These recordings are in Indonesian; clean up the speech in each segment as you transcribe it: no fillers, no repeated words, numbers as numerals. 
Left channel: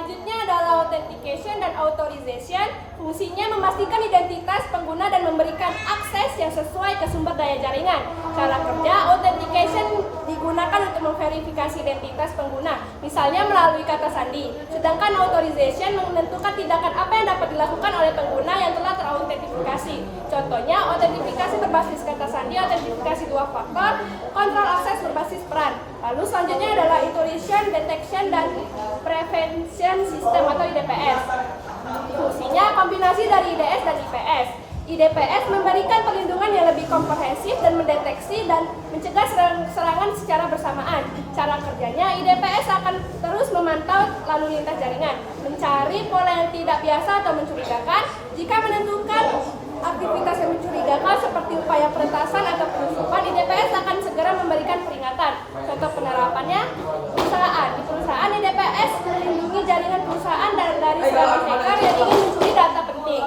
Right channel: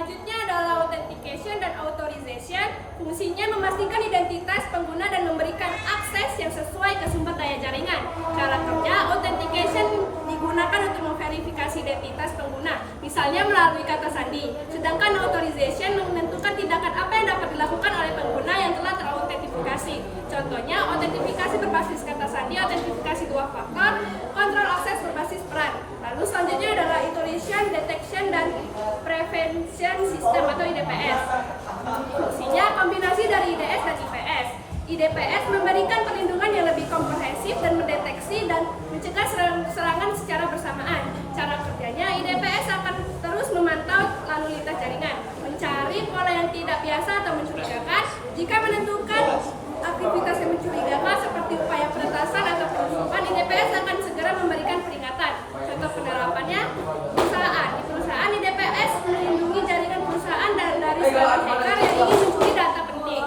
Selanjutnya adalah authentication dan authorization. Fungsinya memastikan identitas pengguna dan memberikan akses yang sesuai ke sumber daya jaringan. Cara kerja, authentication digunakan untuk memverifikasi identitas pengguna, misalnya melalui kata sandi. Sedangkan authorization menentukan tindakan apa yang dapat dilakukan oleh pengguna yang telah terautentikasi. Contohnya, autentifikasi berbasis kata sandi, autentifikasi dua faktor, kontrol akses berbasis peran. Lalu selanjutnya adalah intrusion, detection, dan prevention system atau IDPS. Fungsinya kombinasi dari IDS dan IPS. IDPS memberikan perlindungan yang lebih komprehensif dan mendeteksi dan mencegah serangan secara bersamaan. Cara kerjanya, IDPS akan terus memantau lalu lintas jaringan, mencari pola yang tidak biasa atau mencurigakan. Jika menentukan aktivitas yang mencurigakan seperti upaya peretasan atau penusupan, IDPS akan segera memberikan peringatan. Contoh penerapannya, perusahaan. Di perusahaan, IDPS melindungi jaringan perusahaan dari serangan hacker yang ingin mencuri data penting.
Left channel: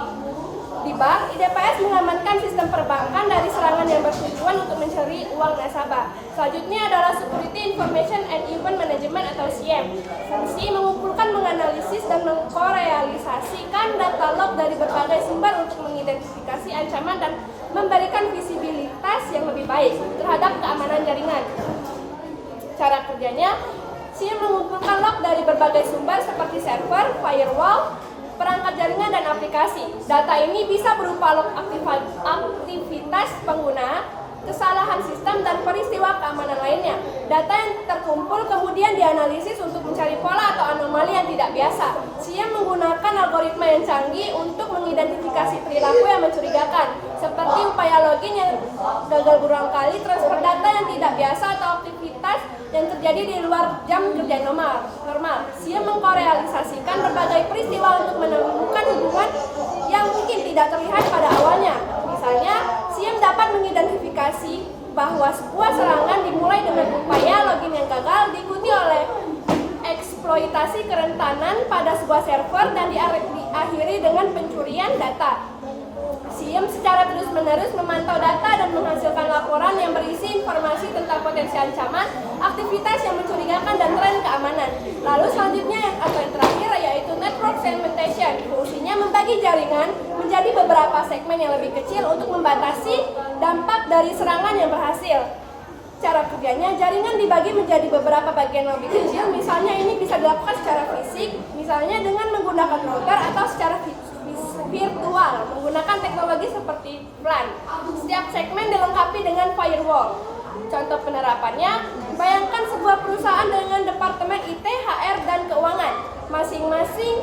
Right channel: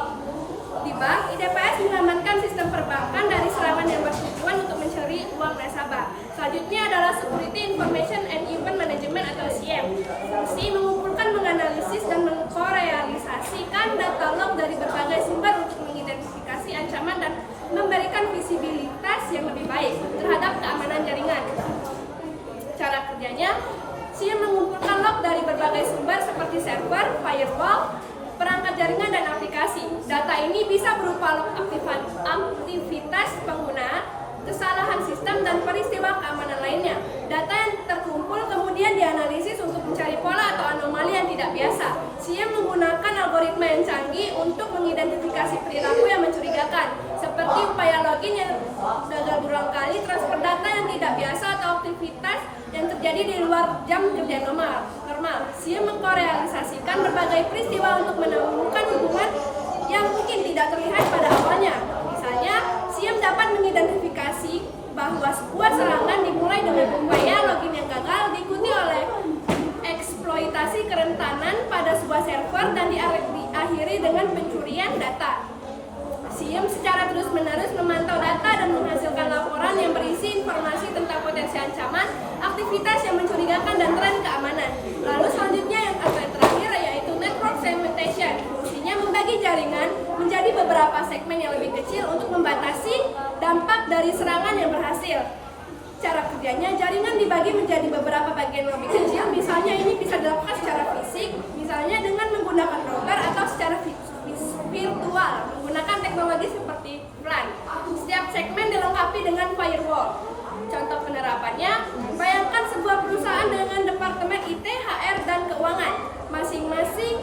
Di bank, IDPS mengamankan sistem perbankan dari serangan yang bertujuan untuk mencuri uang nasabah. Selanjutnya adalah Security Information and Event Management atau SIEM. Fungsi mengumpulkan, menganalisis, dan mengkorealisasikan data log dari berbagai sumber untuk mengidentifikasi ancaman dan memberikan visibilitas yang lebih baik terhadap keamanan jaringan. Cara kerjanya, SIEM mengumpulkan log dari berbagai sumber seperti server, firewall, perangkat jaringan, dan aplikasi. Data ini bisa berupa log aktivitas pengguna, kesalahan sistem, dan peristiwa keamanan lainnya. Data yang terkumpul kemudian dianalisis untuk mencari pola atau anomali yang tidak biasa. SIEM menggunakan algoritma yang canggih untuk mengidentifikasi perilaku yang mencurigakan, seperti upaya login yang gagal berulang kali, transfer data yang tidak biasa, atau aktivitas yang terjadi di luar jam kerja normal. SIEM mengkorealisasikan berbagai peristiwa untuk menemukan hubungan yang mungkin tidak terlihat pada awalnya. Misalnya, SIEM dapat mengidentifikasi bahwa sebuah serangan dimulai dengan upaya login yang gagal, diikuti oleh eksploitasi kerentanan pada sebuah server, dan diakhiri dengan pencurian data. SIEM secara terus-menerus memantau data dan menghasilkan laporan yang berisi informasi tentang potensi ancaman, aktivitas yang mencurigakan, dan tren keamanan. Lalu selanjutnya yang terakhir yaitu network segmentation. Fungsinya membagi jaringan menjadi beberapa segmen yang lebih kecil untuk membatasi dampak dari serangan yang berhasil. Cara kerjanya, jaringan dibagi menjadi beberapa bagian lebih kecil. Misalnya ini bisa dilakukan secara fisik, misalnya dengan menggunakan router, atau secara virtual menggunakan teknologi seperti WLAN. Setiap segmen dilengkapi dengan firewall. Contoh penerapannya, bayangkan sebuah perusahaan dengan departemen IT, HR, dan keuangan. Masing-masing